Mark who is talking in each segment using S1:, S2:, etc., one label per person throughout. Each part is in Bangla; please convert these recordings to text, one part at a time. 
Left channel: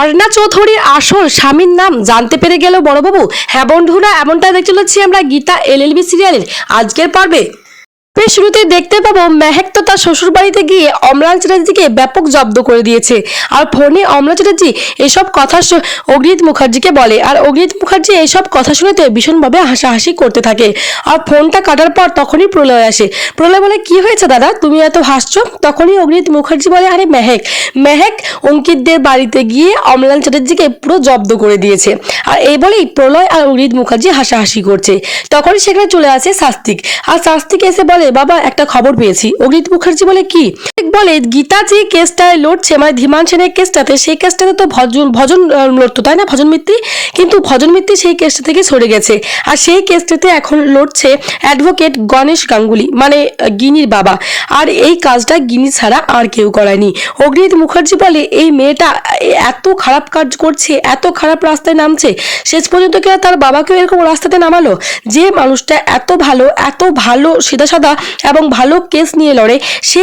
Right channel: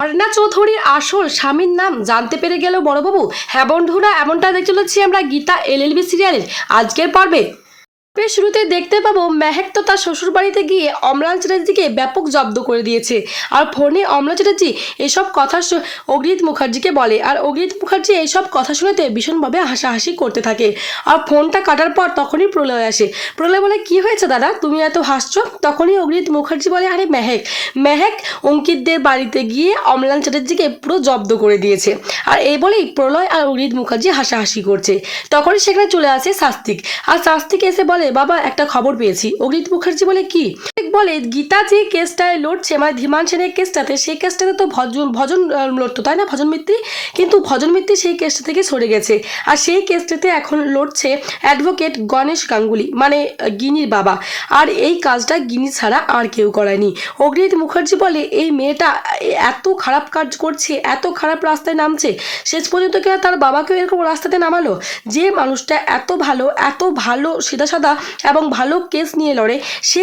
S1: অর্ণা চৌধুরীর আসল স্বামীর নাম জানতে পেরে গেল বড়বাবু। হ্যাঁ বন্ধুরা এমনটা দেখতে চলেছি আমরা গীতা এলএলবি সিরিয়ালের আজকের পর্বে। তবে শুরুতে দেখতে পাবো মেহেক তো তার শ্বশুর বাড়িতে গিয়ে অমলান চ্যাটার্জিকে ব্যাপক জব্দ করে দিয়েছে। আর ফোনে অমলা চ্যাটার্জি এসব কথা অগ্নিত মুখার্জিকে বলে। আর অগ্নিত মুখার্জি এইসব কথা শুনেতে ভীষণভাবে হাসাহাসি করতে থাকে। আর ফোনটা কাটার পর তখনই প্রলয় আসে। প্রলয় বলে, কি হয়েছে দাদা? তুমি এত হাসছো? তখনই অগ্নিত মুখার্জি বলে, আরে মেহেক মেহেক অঙ্কিতদের বাড়িতে গিয়ে অমলান চ্যাটার্জিকে পুরো জব্দ করে দিয়েছে। আর এই বলেই প্রলয় আর অগ্নিত মুখার্জি হাসাহাসি করছে। তখনই সেখানে চলে আসে শাস্তিক। আর শাস্তিক এসে বলে বাবা, একটা খবর পেয়েছি। অগ্নিত মুখার্জি বলে, কি? বলে, গীতা যে কেসটায় লড়ছে মানে ধীমান সেনের কেসটাতে, সেই কেসটাতে তো ভজন ভজন লড়তো, তাই না? ভজন মিত্তি? কিন্তু ভজন মিত্তি সেই কেসটা থেকে সরে গেছে। আর সেই কেসটাতে এখন লড়ছে অ্যাডভোকেট গণেশ গাঙ্গুলি মানে গিনির বাবা। আর এই কাজটা গিনি ছাড়া আর কেউ করায়নি অগ্নিত মুখার্জি বলে, এই মেয়েটা এত খারাপ কাজ করছে, এত খারাপ রাস্তায় নামছে, শেষ পর্যন্ত কিনা তার বাবাকেও এরকম রাস্তাতে নামালো? যে মানুষটা এত ভালো এত ভালো, সিধা সাদা এবং ভালো কেস নিয়ে লড়ে। সে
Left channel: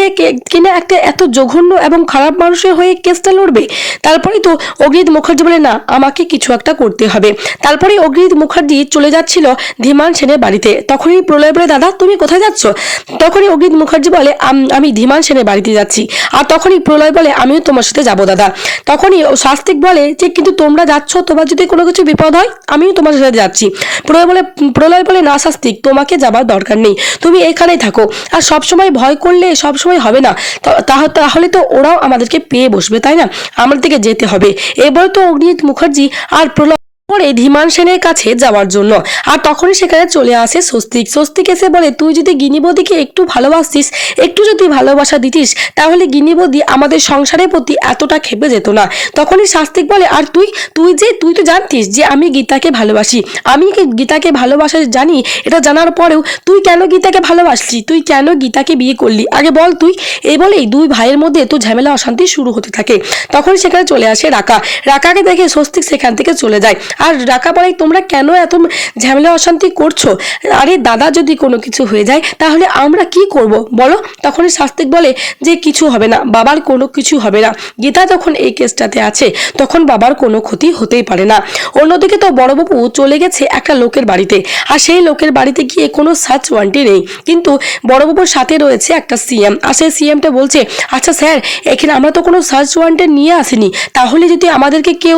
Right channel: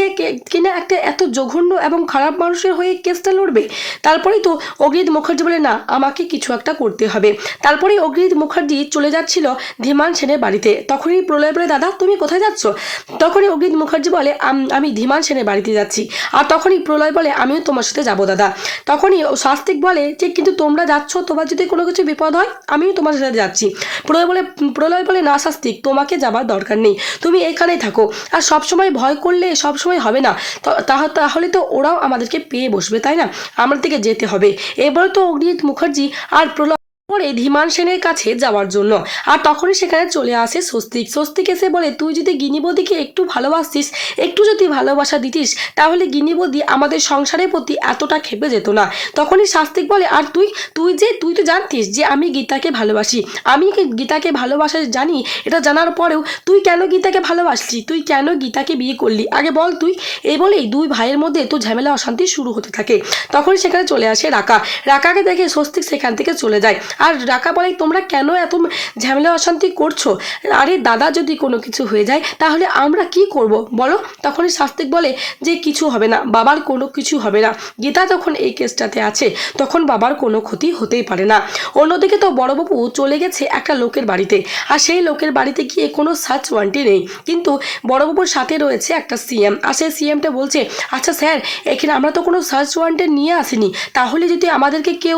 S1: কিনা একটা এত জঘন্য এবং খারাপ মানুষের হয়ে কেসটা লড়বে? তারপরেই তো অগ্নিত মুখার্জি বলে, না, আমাকে কিছু একটা করতে হবে। তারপরে অগ্নিত মুখার্জি চলে যাচ্ছিল ধীমান সেনের বাড়িতে। তখনই প্রলয় বলে, দাদা, তুমি কোথায় যাচ্ছ? তখনই অগ্নিত মুখার্জি বলে, আমি ধীমান সেনের বাড়িতে যাচ্ছি। আর তখনই প্রলয় বলে, আমিও তোমার সাথে যাব, দাদা। তখনই শাস্তিক বলে, যে কিন্তু তোমরা যাচ্ছ, তোমার যদি কোনো কিছু বিপদ হয়, আমিও তোমার সাথে যাচ্ছি। প্রলয় বলে প্রলয় বলে, না শাস্তিক তোমাকে যাবার দরকার নেই। তুমি এখানেই থাকো আর সব সময় ভয় করলে সব সময় হবে না। তাহলে তো ওরাও আমাদেরকে পেয়ে বসবে, তাই না? আমাদের থেকে যেতে হবে। এবার তো অগ্নিত মুখার্জি আর প্রলয় পরে ধীমান সেনের কাছে যাওয়ার জন্য। আর তখনই সেখানে চলে আসে স্বস্তিক। স্বস্তিক এসে বলে, তুই যদি গিনিবদিকে একটু ভালোবাসতিস, একটু যদি ভালোবাসা দিতিস, তাহলে গিনিবদি আমাদের সংসারের প্রতি এতটা খেপে যেত না। তখনই শাস্তিক বলে, আর তুই তুই যে, তুই তো জানতিস যে আমি গীতাকে ভালোবাসি। আমি গীতাকে ভালোবাসা জানি? এটা জানার পরেও তুই কেন গীতাকে ভালোবাসলি? তুই কেন গীতাকে বিয়ে করলি? আগে বল তুই। এই বলেই দুই ভাইয়ের মধ্যে তো ঝামেলা, অশান্তি শুরু হতে থাকে। তখন সেখানে চলে আসে রাকা। রাকাকে দেখে স্বস্তিক সেখান থেকে চলে যায়। আর রাকা বলে তোমরা কেন এত ঝামেলা, অশান্তি করছ? আরে দাদা, যদি কোনো কিছু হয়ে যায়, তাহলে আমরা কি করব? বলো। তখনই শাস্তিক বলে যে কিছু হবে না, বাবার কোনো কিছু হবে না। গীতা যখন এই কেসটাতে আছে, তখন বাবার কোনো ক্ষতি হতেই পারে না। অন্যদিকে তো বড়বাবু চলে গেছে একটা লোকের বাড়িতে, আর সেই লোকের বাড়িতে গিয়ে কোনো সার্চ ওয়ান্টি নেই। কিন্তু বড়বাবুর সাথে রয়েছে একটা সিএম আর সেই সিএমটা বলছে আচ্ছা স্যার, এখানে আমরা তো কোনো সার্চ ওয়ান্টেড নিয়ে আসিনি। তাহলে যদি আমাদেরকে কেউ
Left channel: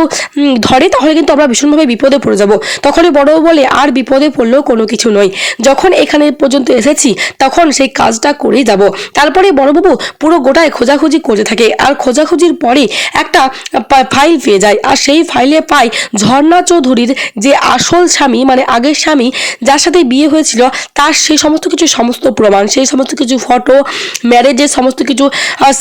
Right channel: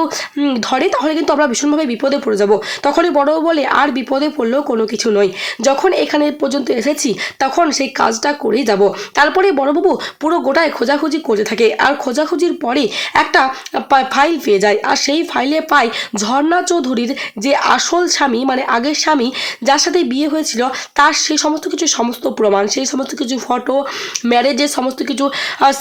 S1: ধরে, তাহলে কিন্তু আমরা ভীষণভাবে বিপদে পড়ে যাব। তখনই বড়বাবু বলে, আর বিপদে পড়লেও কোনো কিছু নয়। যখন এখানে পর্যন্ত এসেছি, তখন সেই কাজটা করেই যাব। তারপরে বড়বাবু পুরো গোটায় খোঁজাখুঁজি করতে থাকে। আর খোঁজাখুঁজির পরে একটা ফাইল পেয়ে যায়। আর সেই ফাইলে পায় ঝর্ণা চৌধুরীর যে আসল স্বামী মানে আগের স্বামী, যার সাথে বিয়ে হয়েছিল, তার সেই সমস্ত কিছু সমস্ত প্রমাণ, সেই সমস্ত কিছু ফটো ম্যারেজের সমস্ত কিছু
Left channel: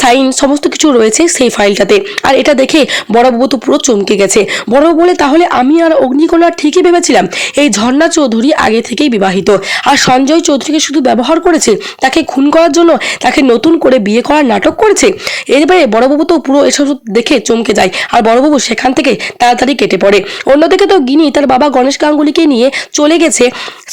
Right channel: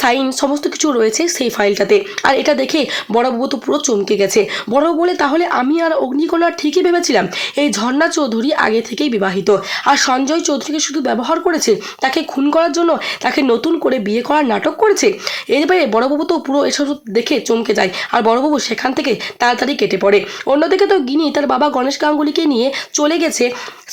S1: সাইন সমস্ত কিছু রয়েছে সেই ফাইলটাতে আর এটা দেখে বড়বাবু তো পুরো চমকে গেছে। বড়বাবু বলে, তাহলে আমি আর অগ্নিকণা ঠিকই ভেবেছিলাম। এই ঝর্ণা চৌধুরী আগে থেকেই বিবাহিত। আর সঞ্জয় চৌধুরীকে শুধু ব্যবহার করেছে, তাকে খুন করার জন্য তাকে নতুন করে বিয়ে করার নাটক করেছে? এরপরে বড়বাবু তো পুরো এসব দেখে চমকে যায়, আর বড়বাবু সেখান থেকে তাড়াতাড়ি কেটে পড়ে। অন্যদিকে তো গিনি তার বাবা গণেশ গাঙ্গুলিকে নিয়ে চলে গেছে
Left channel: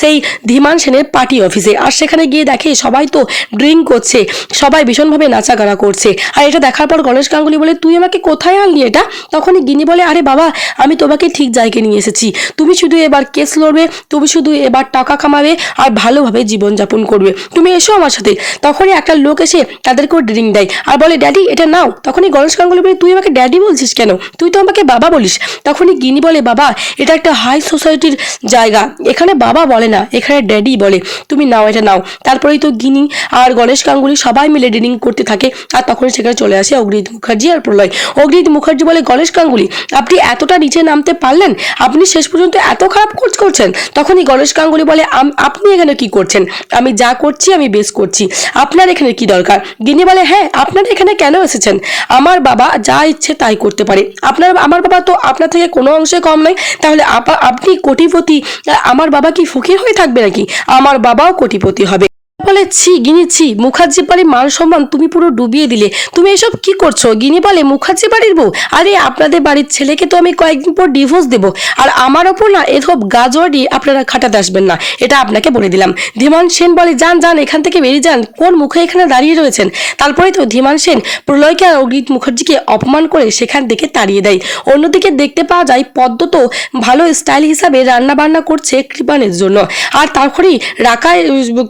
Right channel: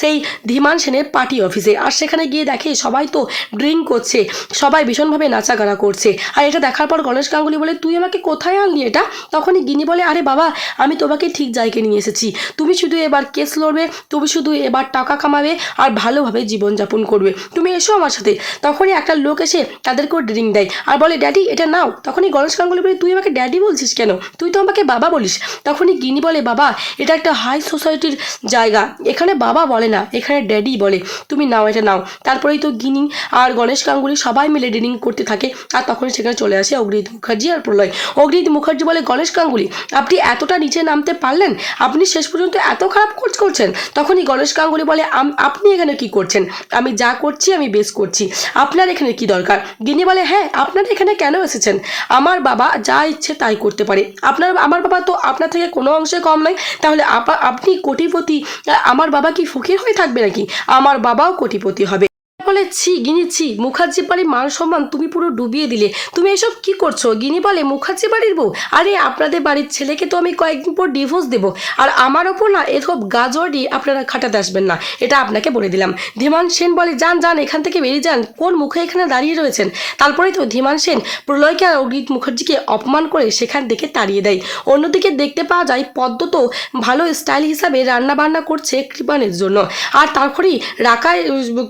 S1: সেই ধীমান সেনের পার্টি অফিসে। আর সেখানে গিয়ে দেখে সবাই তো ড্রিঙ্ক করছে, সবাই ভীষণভাবে নাচাগানা করছে। আর এটা দেখার পর গণেশ গাঙ্গুলি বলে, তুই আমাকে কোথায় আনলি এটা? তখনই গিনি বলে, আরে বাবা, আমি তোমাকে ঠিক জায়গায় নিয়ে এসেছি। তুমি শুধু এবার কেস লড়বে, তুমি শুধু এবার টাকা কামাবে আর ভালোভাবে জীবনযাপন করবে। তুমি এসো আমার সাথে। তখনই একটা লোক এসে তাদেরকেও ড্রিঙ্ক দেয় আর বলে, ড্যাডি, এটা নাও। তখনই গণেশ গাঙ্গুলি বলে, তুই আমাকে ড্যাডি বলছিস কেন? তুই তো আমাকে বাবা বলিস। তখনই গিনি বলে, বাবা, এটা একটা হাই সোসাইটির জায়গা। এখানে বাবা বলে না, এখানে ড্যাডি বলে। তুমি নাও, এটা নাও। তারপরেই তো গিনি আর গণেশ গাঙ্গুলি সবাই মিলে ড্রিঙ্ক করতে থাকে আর তখন সেখানে চলে আসে অগ্নিত মুখার্জি আর প্রলয়। অগ্নিত মুখার্জি বলে, গণেশ গাঙ্গুলি আপনি এতটা নিচে নামতে পারলেন? আপনি শেষ পর্যন্ত এত খারাপ কাজ করছেন? তখনই গণেশ গাঙ্গুলি বলে আপনি এখানে কি করছেন? আমি যা করছি, আমি বেশ করছি। আপনার এখানে কি দরকার? গিনি বলে হ্যাঁ আপনার এখানে কেন এসেছেন? আমার বাবা যা ইচ্ছে তাই করতে পারে। আপনার, আমার বাবা তো আপনার থেকে কোনো অংশে কম নয়। তাহলে আপা- আপনি কোটিপতি আমার বাবা কি ফকির হয়ে থাকবে নাকি? আমার বাবাও কোটিপতি হবে। বলে, ছি গিনি ছি মুখার্জি বাড়ির মান সম্মান তুমি পুরো ডুবিয়ে দিলে। তুমি এসব কি করছ? গিনি বলে মুখার্জি বাড়ির বউ? আরে, আপনাদের বাড়ির ছেলেকে তো আমি কয়েকদিন পর ডিভোর্স দেবো। আর আমার ওপর না এসব গাজরই আপনারা খাটাতে আসবেন না। এটা আপনাকে বলে দিলাম। ধীমান সেন বলে, যান যান, এখান থেকে বেরিয়ে যান। কোন মুখে এখানে দাঁড়িয়ে রয়েছেন? তারপরে তো ধীমান সেন প্রলয়কে আর অগ্রিত মুখার্জিকে অপমান করে সেখান থেকে তাড়িয়ে দেয়। অন্যদিকে দেখতে পাওয়া যায়, পদ্ম তো ভালো স্টাইল হিসাবে রান্না বান্না করছে কৃপানের জন্য। আর তারপরেই রাকায়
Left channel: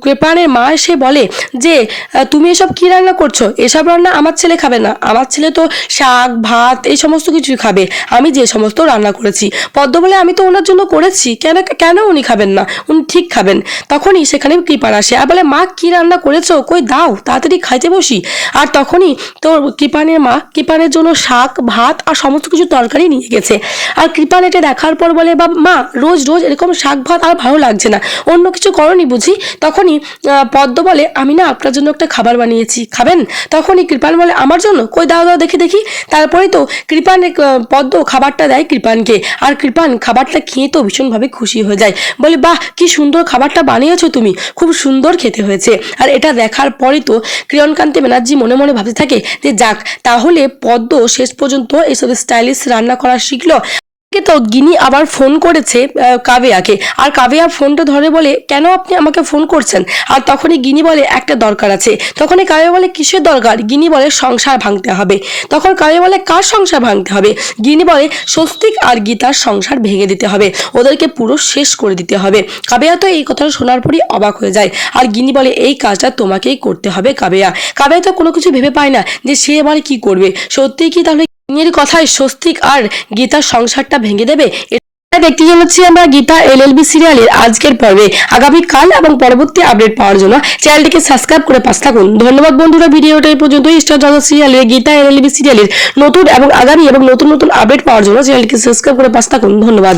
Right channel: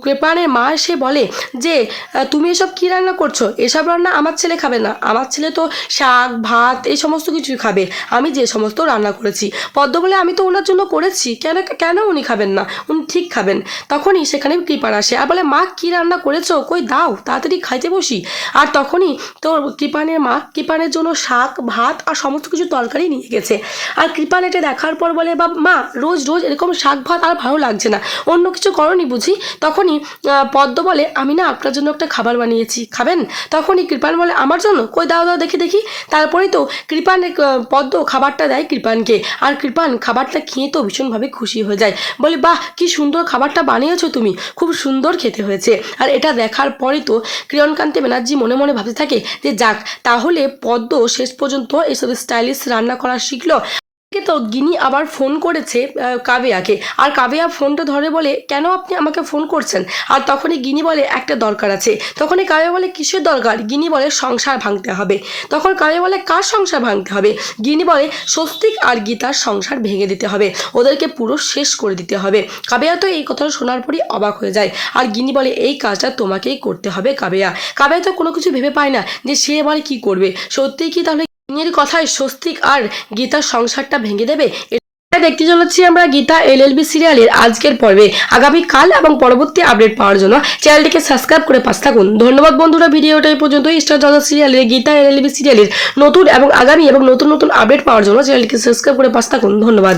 S1: কৃপানের মা এসে বলে যে তুমি এসব কি রান্না করছ? এসব রান্না আমার ছেলে খাবে না। আমার ছেলে তো শাক, ভাত, এই সমস্ত কিছুই খাবে। আমি যে সমস্ত রান্না করেছি। পদ্ম বলে, আমি তো ওনার জন্য করেছি। কেন কেন উনি খাবেন না? উনি ঠিক খাবেন। তখনই সেখানে কৃপার আসে। আর বলে, মা, কি রান্না করেছ? কই দাও, তাড়াতাড়ি খাইতে বসি। আর তখনই তোর কৃপানের মা কৃপানের জন্য শাক, ভাত আর সমস্ত কিছু তরকারি নিয়ে গেছে। আর কৃপান এটা দেখার পর বলে, বা, মা, রোজ রোজ এরকম শাক, ভাত আর ভালো লাগছে না। অন্য কিছু করনি বুঝি? তখনই পদ্ম বলে, আমি না আপনার জন্য একটা খাবার বানিয়েছি, খাবেন? তখনই কৃপান বলে, আমার জন্য? কই দাও দাও, দেখি দেখি। তারপরে তো কৃপান পদ্ম খাবারটা দেয় কৃপানকে। আর কৃপান খাবারটা খেয়ে তো ভীষণভাবে খুশি হয়ে যায়। বলে, বাহ, কি সুন্দর খাবারটা বানিয়েছো তুমি। খুব সুন্দর খেতে হয়েছে। আর এটা দেখার পরই তো কিরণকান্তি ব্যানার্জি মনে মনে ভাবতে থাকে যে, যাক, তাহলে পদ্ম শেষ পর্যন্ত এসব স্টাইলিশ রান্না করা শিখলো। তো গিনি আবার ফোন করেছে কাবেয়াকে। আর কাবেয়া ফোনটা ধরে বলে, কেন আপনি আমাকে ফোন করছেন? আর তখনই গিনি বলে, একটা দরকার আছে। তখনই কাবেয়া বলে, কিসের দরকার? গিনি বলে, সংসার ভাঙতে হবে। তখন কাবেয়া বলে, কার সংসার ভাঙতে হবে? গিনি বলে, স্বস্তিক আর গীতার সংসার ভেঙে দিতে হবে। ওদেরকে পুরো শেষ করে দিতে হবে। কাবেয়া তো এই কথাটা শোনার পরই অবাক হয়ে যায়। আর গিনি বলে, এই কাজটা তোমাকেই করতে হবে কাবেয়া। কাবেয়া তো কোনো কিছু ভেবে পায় না যে সে এবার কি করবে। সত্যিই কি তাহলে গিনির কথায় স্বস্তিক আর গীতার সংসারটা ভেঙে দেবে। দেখতে চলেছি আমরা গীতা এলএলবি সিরিয়ালের আজকের পর্বে। আগামী কাল এবং পরবর্তী আপডেট পাওয়ার জন্য চ্যানেলটিকে সাবস্ক্রাইব করে পাশ থাকুন। ধন্যবাদ বন্ধুরা, ভিডিওটা এই পর্যন্ত স্টার জগৎ সিরিয়ালের গীতা এলএলবি সিরিয়ালের নতুন এবং আগামী এবং নতুন নতুন আপডেট পাওয়ার জন্য চ্যানেলটিকে সাবস্ক্রাইব করে পাশ থাকুন। ধন্যবাদ।